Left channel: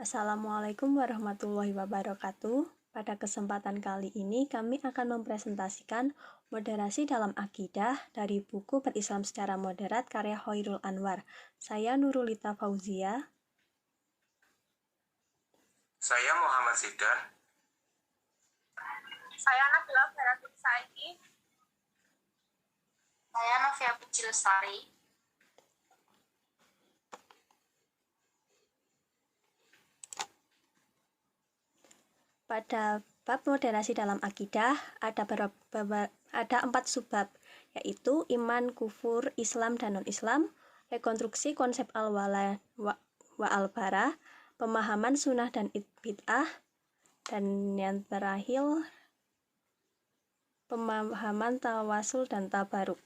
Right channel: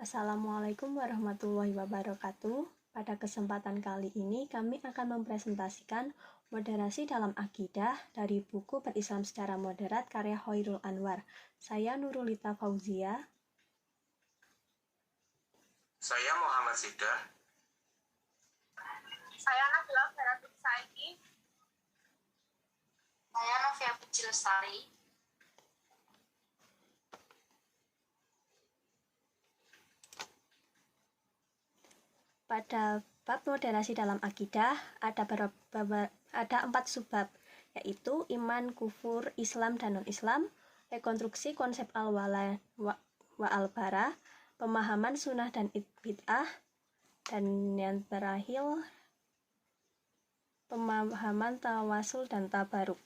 Assalamualaikum warahmatullahi wabarakatuh. Pada kesempatan kali ini kami akan mempresentasikan moderasi dalam akidah dari buku Berislam secara Moderat karya Khairul Anwar. Saya Nurulita Fauzia. Saya Muhammad Zidan. Saya Nabila Feratul Saidi. Saya Novia Puji Lestari. Pada bab moderasi dalam akidah ada 4 subbab, yaitu iman, kufur, Islam dan non-Islam, rekonstruksi konsep al-wala wa al-bara, pemahaman sunnah dan bid'ah, dan yang terakhir pemahaman tawasul dan tabaruk.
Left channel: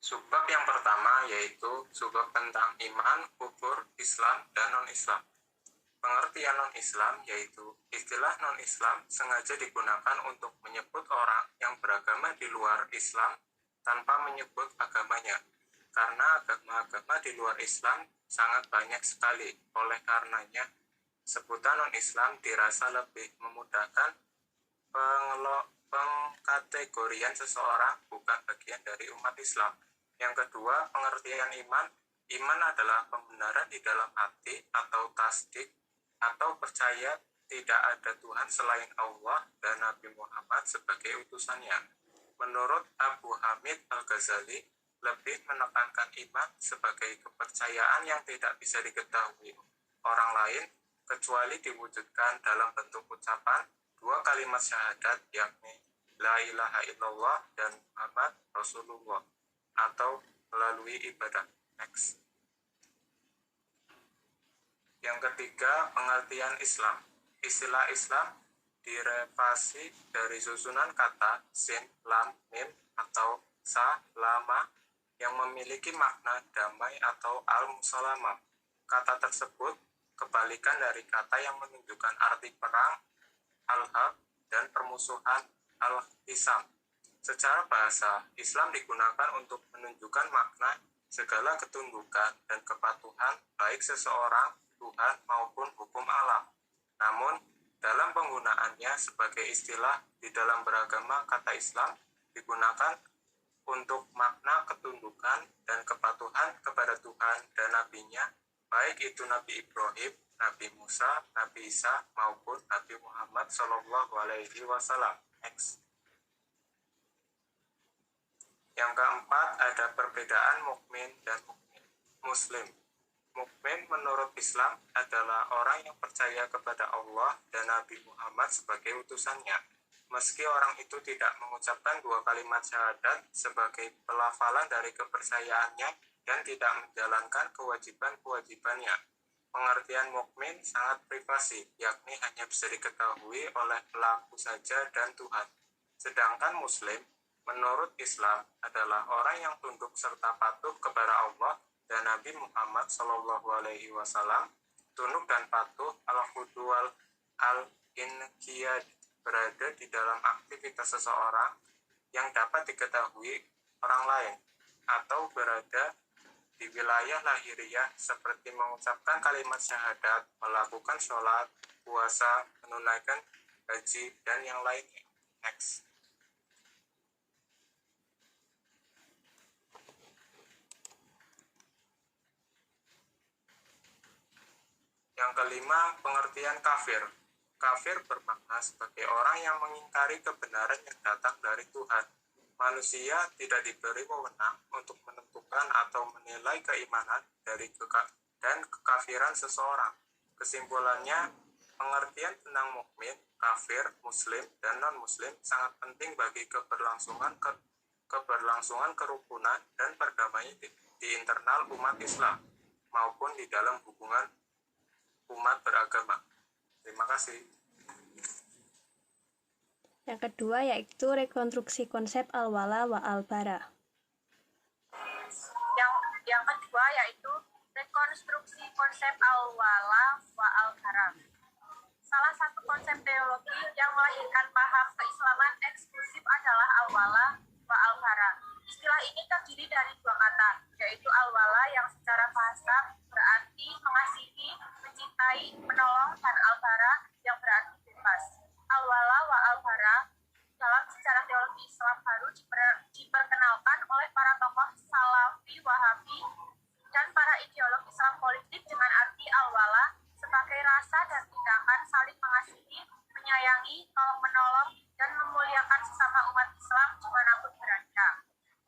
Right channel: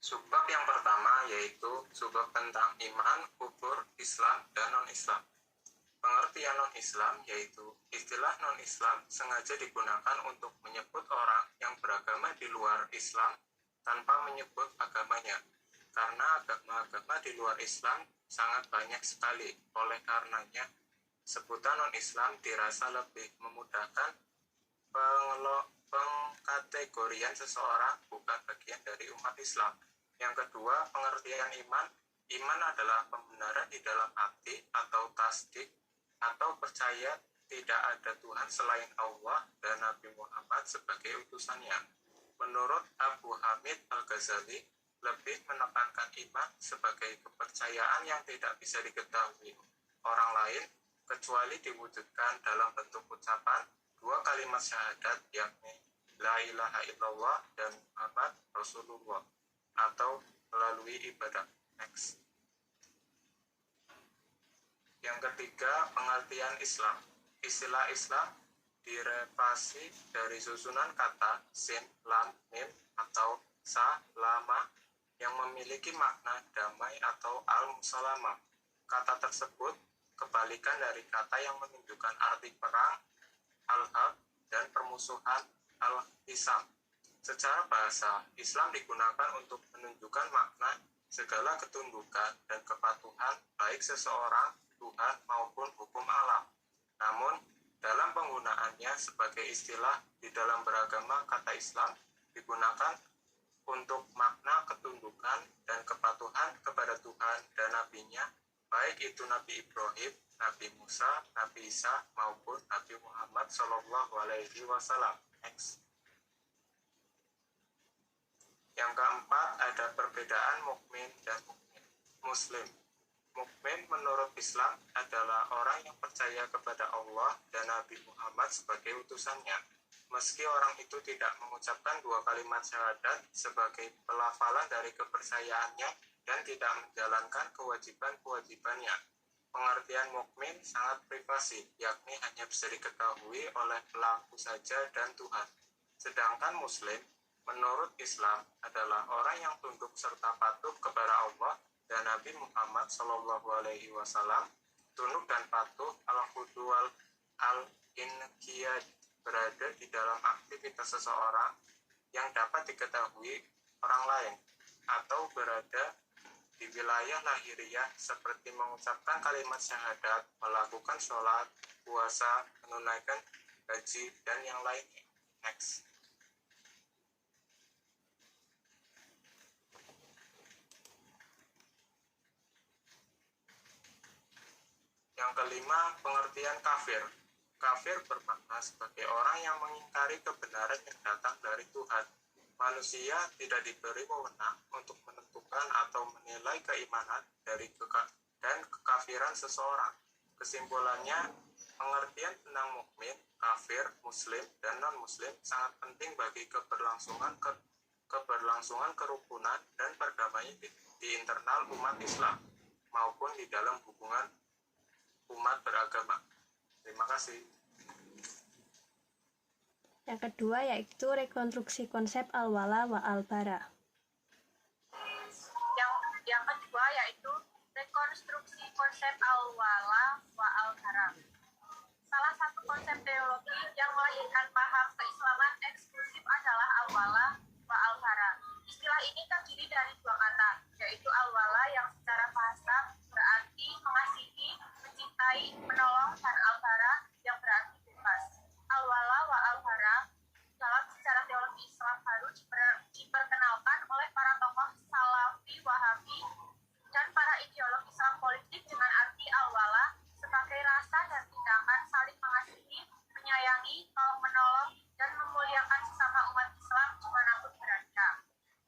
Subbab yang pertama yaitu subbab tentang iman, kufur, Islam, dan non-Islam. Pengertian non-Islam yaitu istilah non-Islam sengaja digunakan untuk menyebut orang yang beragama di luar Islam tanpa menyebut agamanya. Karena agama-agama di luar Islam sangat banyak sekali, oleh karenanya sebutan non-Islam dirasa lebih memudahkan pengkategorian seseorang bukan bagian dari umat Islam. Yang kedua, pengertian iman. Iman adalah pembenaran di dalam hati atau tasdik atau percaya tidak ada Tuhan selain Allah dan Nabi Muhammad sebagai utusannya. Menurut Abu Hamid Al-Ghazali, lebih menekankan iman sebagai kepercayaan yang tidak bisa diketahui orang lain kecuali diwujudkan dalam bentuk ucapan 2 kalimat syahadat, yakni La ilaha illallah dan Muhammad Rasulullah, atau melalui ibadah. Next. Yang ketiga, pengertian Islam. Istilah Islam direvasi dari susunan kata sin, lam, mim, atau sa, lama yang memiliki makna damai atau al-musalamah. Kata tersebut kebalikan dari kata yang menunjukkan arti perang, al-hab, dan permusuhan, al-hisam. Secara bahasa, Islam digunakan untuk menunjukkan makna segala ketundukan dan kepatuhan baik seseorang, Tuhan, maupun hukum alam. Namun, dalam penggunaannya sebagai istilah di dalam beragama, kata Islam digunakan untuk makna ketundukan dan kepatuhan kepada Tuhan dan Nabi-Nya, baik itu Nabi Ibrahim, Nabi Musa, Nabi Isa, maupun Nabi Muhammad SAW. Next. Yang keempat, ada perbedaan mukmin dan muslim. Mukmin menurut Islam adalah orang yang percaya kepada Allah dan Nabi Muhammad sebagai utusannya. Meski orang itu tidak mengucapkan 2 kalimat syahadat sebagai pelafalan dari kepercayaannya dan tidak menjalankan kewajiban-kewajibannya. Pengertian mukmin sangat privasi, yakni hanya bisa diketahui oleh pelaku saja dan Tuhan. Sedangkan muslim menurut Islam adalah orang yang tunduk serta patuh kepada Allah dan Nabi Muhammad SAW, tunduk dan patuh al-khudu al-inqiyad, berada di dalam aktivitas seseorang yang dapat diketahui orang lain, atau berada di wilayah lahiriah seperti mengucapkan kalimat syahadat, melakukan sholat, puasa, menunaikan haji, dan yang lainnya. Next. Yang kelima, pengertian kafir. Kafir bermakna sebagai orang yang mengingkari kebenaran yang datang dari Tuhan. Manusia tidak diberi wewenang untuk menentukan atau menilai keimanan dan kekafiran seseorang. Kesimpulannya, pengertian tentang mukmin, kafir, muslim, dan non-muslim sangat penting bagi keberlangsungan kerukunan dan perdamaian di internal umat Islam maupun di dalam hubungan umat beragama. Terima kasih. Yang kedua yaitu rekonstruksi konsep al-wala wa al-bara. Yang kedua yaitu rekonstruksi konsep al-wala wa al-bara. Salah satu konsep teologi yang melahirkan paham keislaman eksklusif adalah al-wala wa al-bara. Istilah ini terdiri dari 2 kata yaitu al-wala yang secara bahasa berarti mengasihi, mencintai, menolong, dan al-bara yang berarti bebas. Al-wala wa al-bara dalam sejarah teologi Islam baru diperkenalkan oleh para tokoh Salafi, Wahabi, dan para ideolog Islam politik dengan arti al-wala sebagai rasa dan tindakan saling mengasihi, menyayangi, tolong-menolong, dan memuliakan sesama umat Islam dimanapun berada.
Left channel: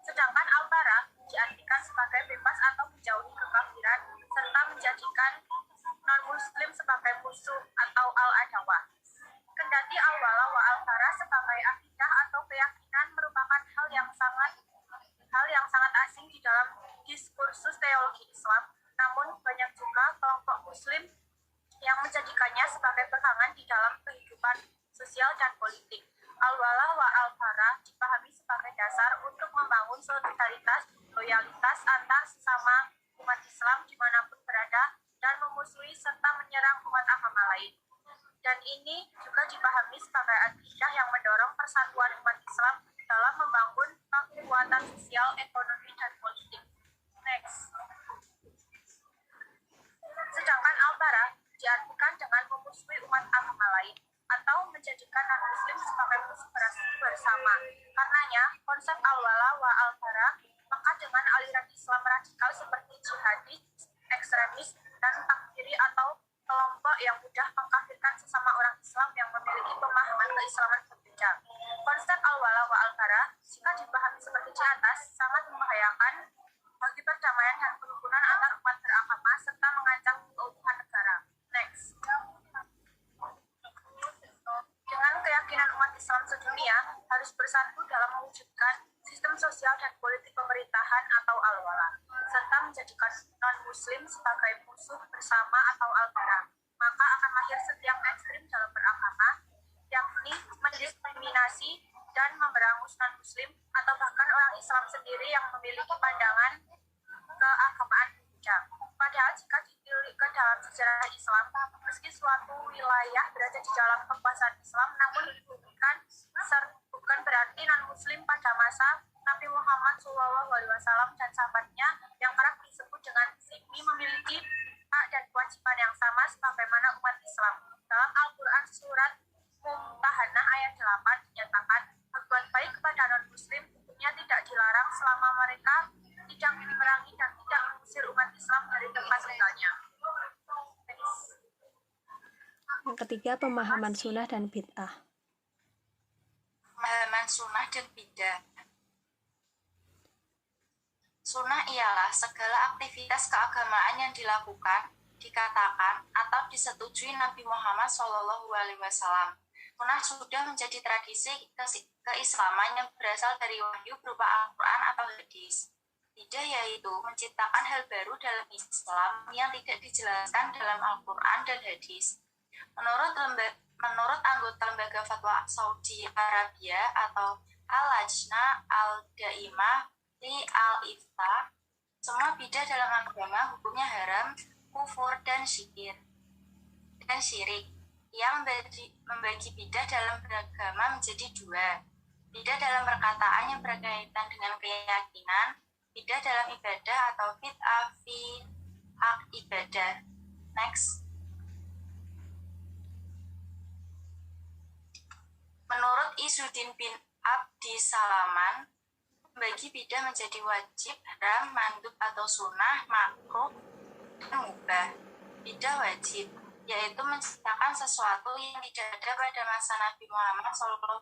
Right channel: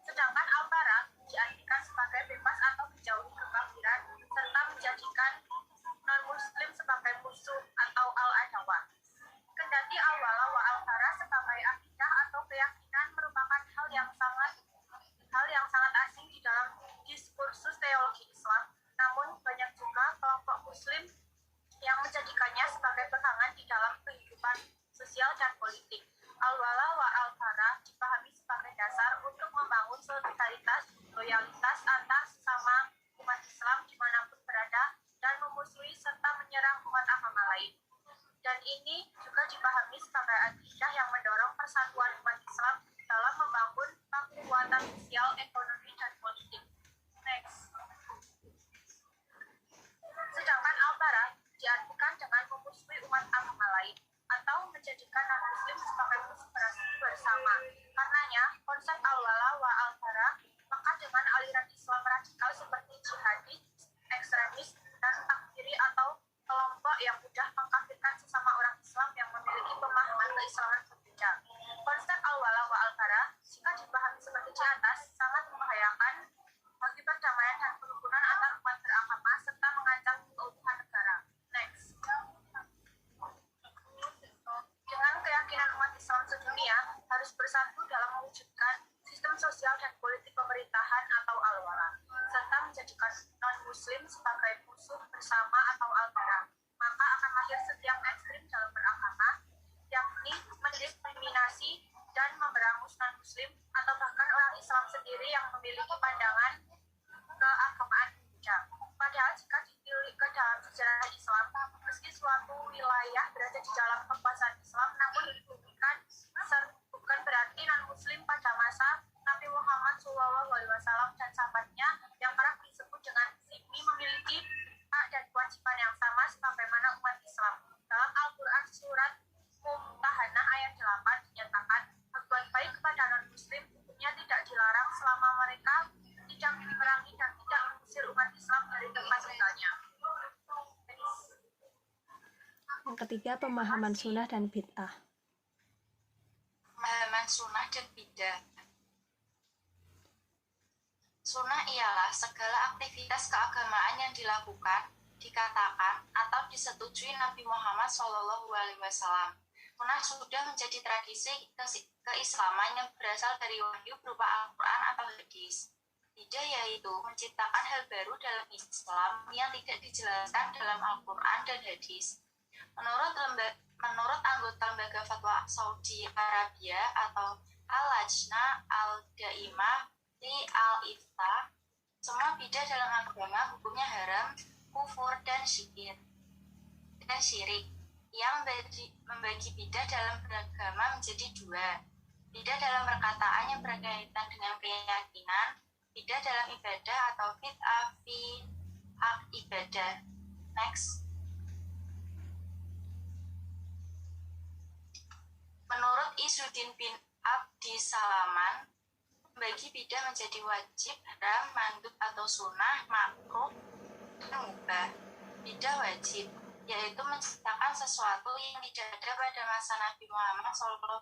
Sedangkan al-bara diartikan sebagai bebas atau menjauhi kekafiran, serta menjadikan non-muslim sebagai musuh atau al-adawah. Kendati al-wala wa al-bara sebagai akidah atau keyakinan merupakan hal yang sangat asing di dalam diskursus teologi Islam, namun banyak juga kelompok muslim yang menjadikannya sebagai pegangan di dalam kehidupan sosial dan politik. Al-wala wa al-bara dipahami sebagai dasar untuk membangun solidaritas, loyalitas antar sesama umat Islam dimanapun berada dan memusuhi serta menyerang umat agama lain. Dan ini juga dipahami sebagai akidah yang mendorong persatuan umat Islam dalam membangun kekuatan sosial, ekonomi, dan politik. Next. Sedangkan al-bara diartikan dengan memusuhi umat agama lain atau menjadikan non-muslim sebagai musuh bersama. Karenanya, konsep al-wala wa al-bara maka dengan aliran Islam radikal seperti jihadis, ekstremis, dan takfiri atau kelompok yang mudah mengkafirkan sesama orang Islam yang memiliki pemahaman keislaman berbeda. Konsep al-wala wa al-bara jika dipahami seperti di atas sangat membahayakan bagi perdamaian dan kerukunan antar umat beragama serta mengancam keutuhan negara. Next. Dengan keyakinan umat Islam sedunia harus bersatu dalam mewujudkan sistem sosial dan politik pemerintahan atau al-wala, serta menjadikan non-muslim sebagai musuh bersama atau al-bara, maka akan lahir setiap ekstrim dalam beragama, yakni mendiskriminasi dan memberangus non-muslim atau bahkan orang Islam sendiri yang memiliki pandangan keagamaan berbeda. Padahal jika ditilik ke dalam sejarah Islam, meski suatu wilayah berada di dalam kekuasaan Islam, namun bukan berarti non-muslim pada masa Nabi Muhammad SAW dan sahabatnya yang kerap disebut dengan zimmi memiliki hak dan kewajiban yang sama sebagaimana umat Islam. Dalam Al-Quran surat Mumtahanah ayat 8 dinyatakan, berbuat baik kepada non-muslim hukumnya tidak dilarang selama mereka tidak memerangi dan tidak mengusir umat Islam dari tempat tinggalnya. Yang ketiga, pemahaman sunnah dan bid'ah. Pemahaman sunnah dan bid'ah. Sunnah ialah segala aktivitas keagamaan yang dilakukan, dikatakan, atau disetujui Nabi Muhammad SAW. Sunnah sudah menjadi tradisi keislaman yang berasal dari wahyu berupa Al-Quran atau hadis. Bid'ah yaitu menciptakan hal baru dalam Islam yang tidak dijelaskan dalam Al-Quran dan hadis. Menurut anggota lembaga fatwa Saudi Arabia atau Al-Lajnah Al-Daimah li Al-Ifta, semua bid'ah dalam agama hukumnya haram, kufur, dan syirik. Yang membagi bid'ah dalam beragama menjadi dua: bid'ah dalam perkataan yang berkaitan dengan keyakinan, bid'ah dalam ibadah atau bid'ah fi hak ibadah. Next. Menurut Izzuddin bin Abdi Salaman, membagi bid'ah menjadi wajib, haram, mandub atau sunnah, makruh, dan mubah. Bid'ah wajib yaitu menciptakan sesuatu yang tidak ada pada masa Nabi Muhammad SAW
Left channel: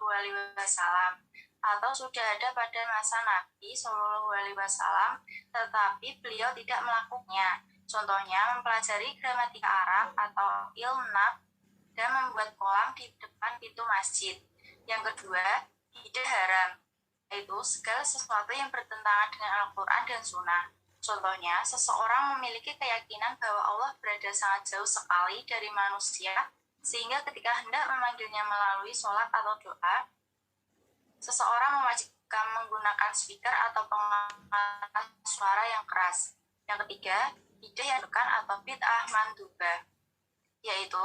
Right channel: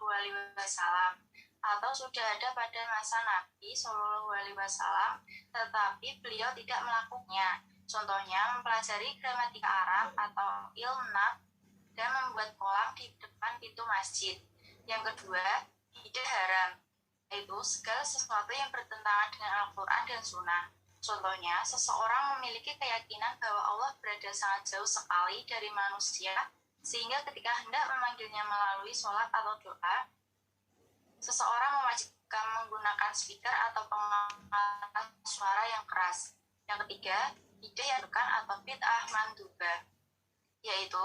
atau sudah ada pada masa Nabi SAW, tetapi beliau tidak melakukannya. Contohnya, mempelajari gramatika Arab atau ilmu nahwu dan membuat kolam di depan pintu masjid. Yang kedua, bid'ah haram, yaitu segala sesuatu yang bertentangan dengan Al-Quran dan Sunnah. Contohnya, seseorang memiliki keyakinan bahwa Allah berada sangat jauh sekali dari manusia, sehingga ketika hendak memanggilnya melalui sholat atau doa, seseorang mewajibkan menggunakan speaker atau pengeras suara yang keras. Yang ketiga, bid'ah yang bukan atau bid'ah mandubah, yaitu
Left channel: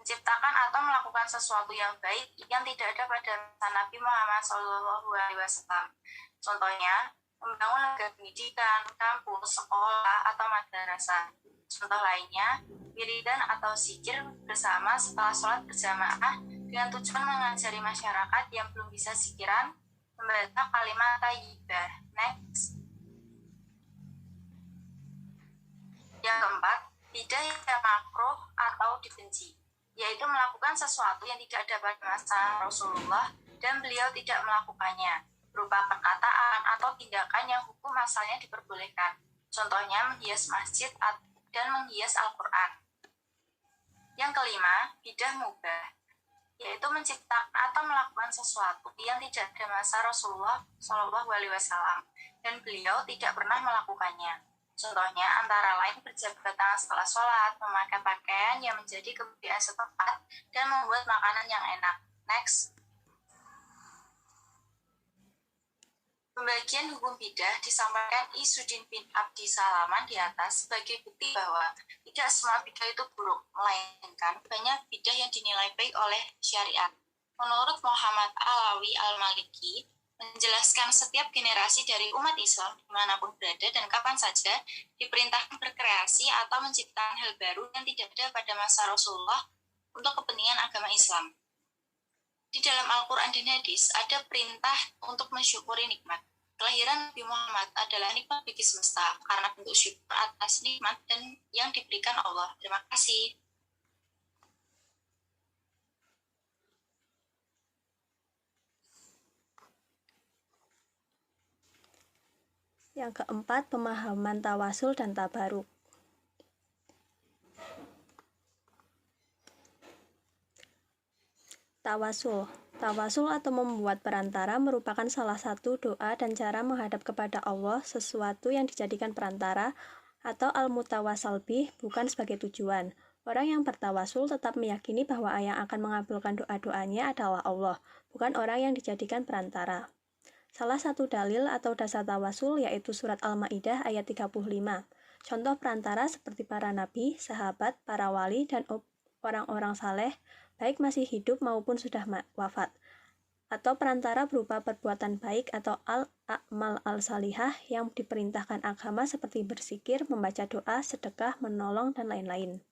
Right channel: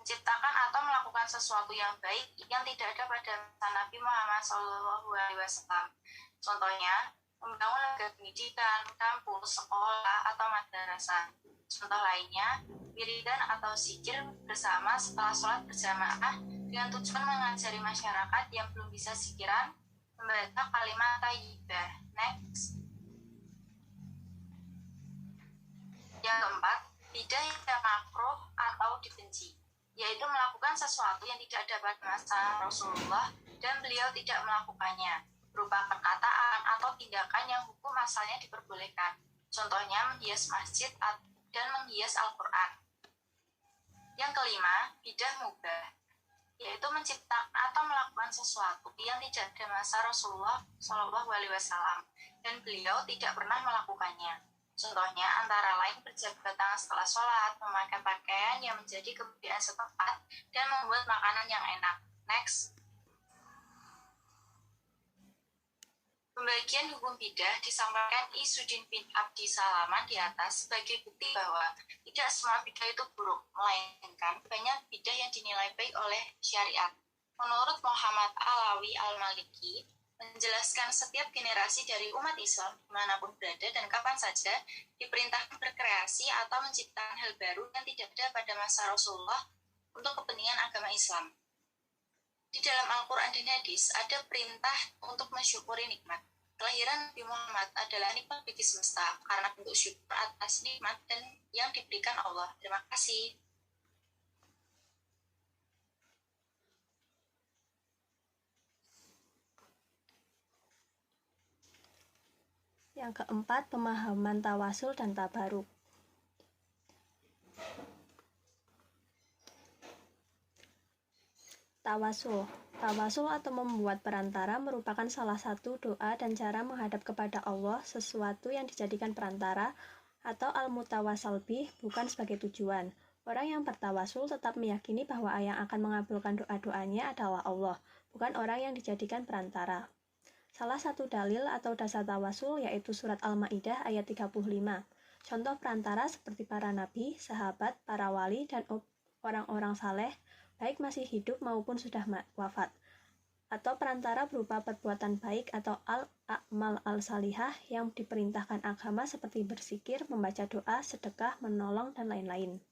menciptakan atau melakukan sesuatu yang baik yang tidak ada pada Nabi Muhammad SAW. Contohnya, membangun lembaga pendidikan, kampus, sekolah, atau madrasah. Contoh lainnya, wiridan atau zikir bersama setelah sholat berjamaah dengan tujuan mengajari masyarakat yang belum bisa zikiran membaca kalimat thayyibah. Next. Yang keempat, bidah yang makruh atau dibenci, yaitu melakukan sesuatu yang tidak ada pada masa Rasulullah dan beliau tidak melakukannya, berupa perkataan atau tindakan yang hukum asalnya diperbolehkan. Contohnya menghias masjid dan menghias Al-Quran. Yang kelima, bidah mubah, yaitu menciptakan atau melakukan sesuatu yang tidak ada masa Rasulullah SAW dan beliau tidak pernah melakukannya. Contohnya antara lain berjabat tangan setelah sholat, memakai pakaian yang menjadi kebudayaan setempat, dan membuat makanan yang enak. Next. Pembagian hukum bidah disampaikan Izzuddin bin Abdi Salaman di atas sebagai bukti bahwa tidak semua bidah itu buruk, melainkan banyak bidah yang dinilai baik oleh syariat. Menurut Muhammad Alawi Al-Maliki, menjelaskan setiap generasi dari umat Islam dimanapun berada dan kapan saja diperintahkan berkreasi atau menciptakan hal baru yang tidak ada pada masa Rasulullah untuk kepentingan agama Islam. Di dalam Al-Quran dan Hadis ada perintah untuk mensyukuri nikmat. Kelahiran Nabi Muhammad adalah nikmat bagi semesta karena bentuk syukur atas nikmat dan yang diberikan Allah. Terima kasih. Yang keempat, pemahaman tawasul dan tabaruk. Tawasul atau membuat perantara merupakan salah satu doa dan cara menghadap kepada Allah, sesuatu yang dijadikan perantara atau al-mutawasal bih, bukan sebagai tujuan. Orang yang bertawasul tetap meyakini bahwa yang akan mengabulkan doa-doanya adalah Allah, bukan orang yang dijadikan perantara. Salah satu dalil atau dasar tawasul yaitu surat Al-Maidah ayat 35. Contoh perantara seperti para nabi, sahabat, para wali, dan orang-orang saleh, baik masih hidup maupun sudah wafat. Atau perantara berupa perbuatan baik atau al-a'mal al-salihah yang diperintahkan agama seperti berzikir, membaca doa, sedekah, menolong, dan lain-lain.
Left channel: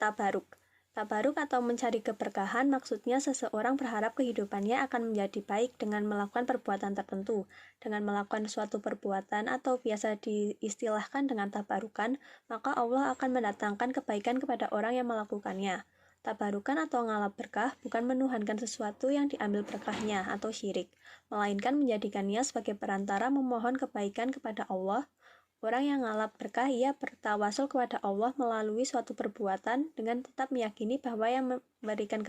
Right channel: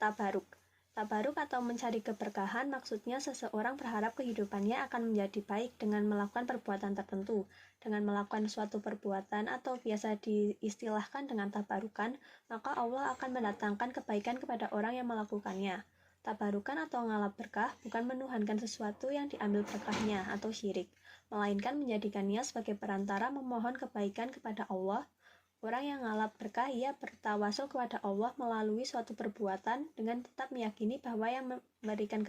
Tabaruk atau mencari keberkahan maksudnya seseorang berharap kehidupannya akan menjadi baik dengan melakukan perbuatan tertentu. Dengan melakukan suatu perbuatan atau biasa diistilahkan dengan tabarukan, maka Allah akan mendatangkan kebaikan kepada orang yang melakukannya. Tabarukan atau ngalap berkah bukan menuhankan sesuatu yang diambil berkahnya atau syirik, melainkan menjadikannya sebagai perantara memohon kebaikan kepada Allah. Orang yang ngalap berkah ia bertawasul kepada Allah melalui suatu perbuatan dengan tetap meyakini bahwa yang memberikan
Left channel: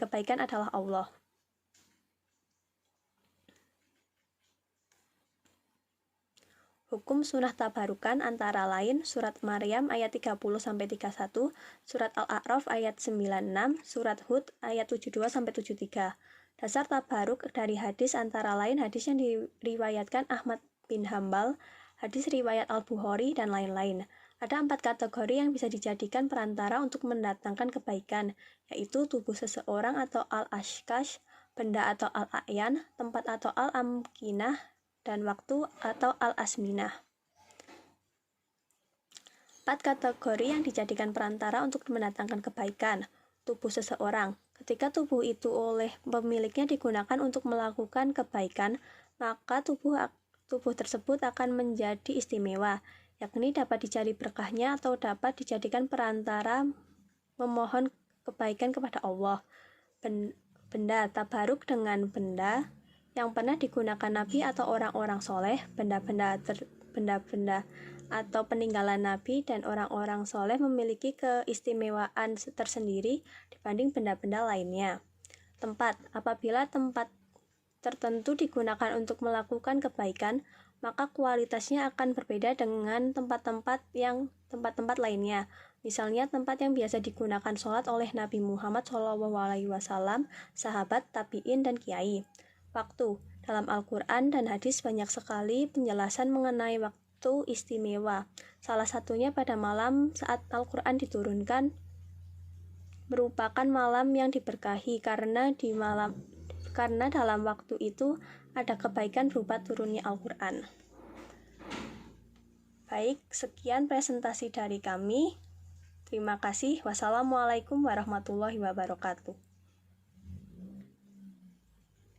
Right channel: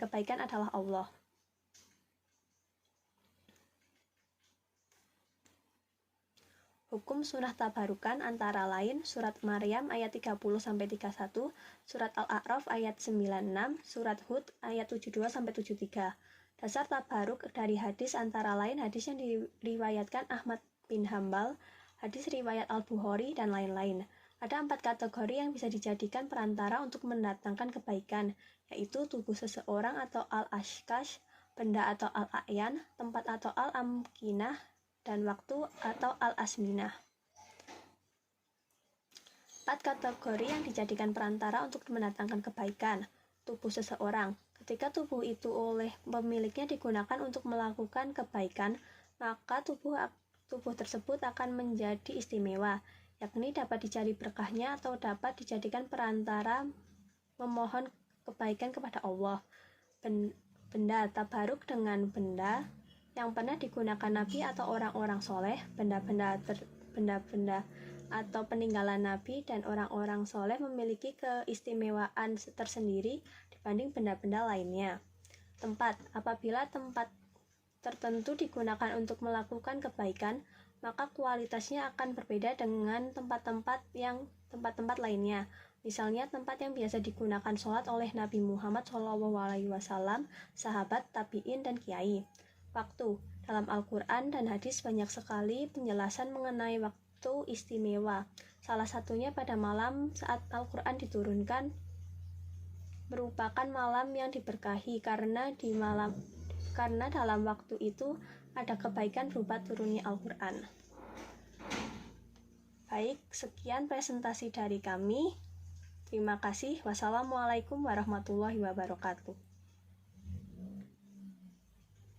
kebaikan adalah Allah. Hukum sunnah tabarukan antara lain surat Maryam ayat 30-31, surat Al-A'raf ayat 96, surat Hud ayat 72-73. Dasar tabaruk dari hadis antara lain hadis yang diriwayatkan Ahmad bin Hambal, hadis riwayat Al-Bukhari, dan lain-lain. Ada 4 kategori yang bisa dijadikan perantara untuk mendatangkan kebaikan, yaitu tubuh seseorang atau al-ashkash, benda atau al-a'yan, tempat atau al-amkinah, dan waktu atau al-asminah. 4 kategori yang dijadikan perantara untuk mendatangkan kebaikan. Tubuh seseorang. Ketika tubuh itu oleh pemiliknya digunakan untuk melakukan kebaikan, maka tubuh tersebut akan menjadi istimewa, yakni dapat dicari berkahnya atau dapat dijadikan perantara memohon kebaikan kepada Allah. Benda, tabaruk dengan benda yang pernah digunakan Nabi atau orang-orang soleh, benda-benda atau peninggalan Nabi dan orang-orang soleh memiliki keistimewaan tersendiri dibanding benda-benda lainnya. Tempat, apabila tempat tertentu digunakan untuk melakukan kebaikan, maka kualitasnya akan berbeda dengan tempat-tempat lainnya. Misalnya tempat yang biasa digunakan sholat oleh Nabi Muhammad SAW, sahabat, tabi'in, dan kiai. Waktu, dalam Al-Quran dan hadis banyak sekali penjelasan mengenai waktu istimewa. Salah satunya pada malam saat Al-Quran diturunkan merupakan malam yang diberkahi karena di malam karena dalam waktu itu ada kebaikan berupa turunnya Al-Quran. Baik, sekian presentasi dari kami. Terima kasih. Wassalamualaikum warahmatullahi wabarakatuh.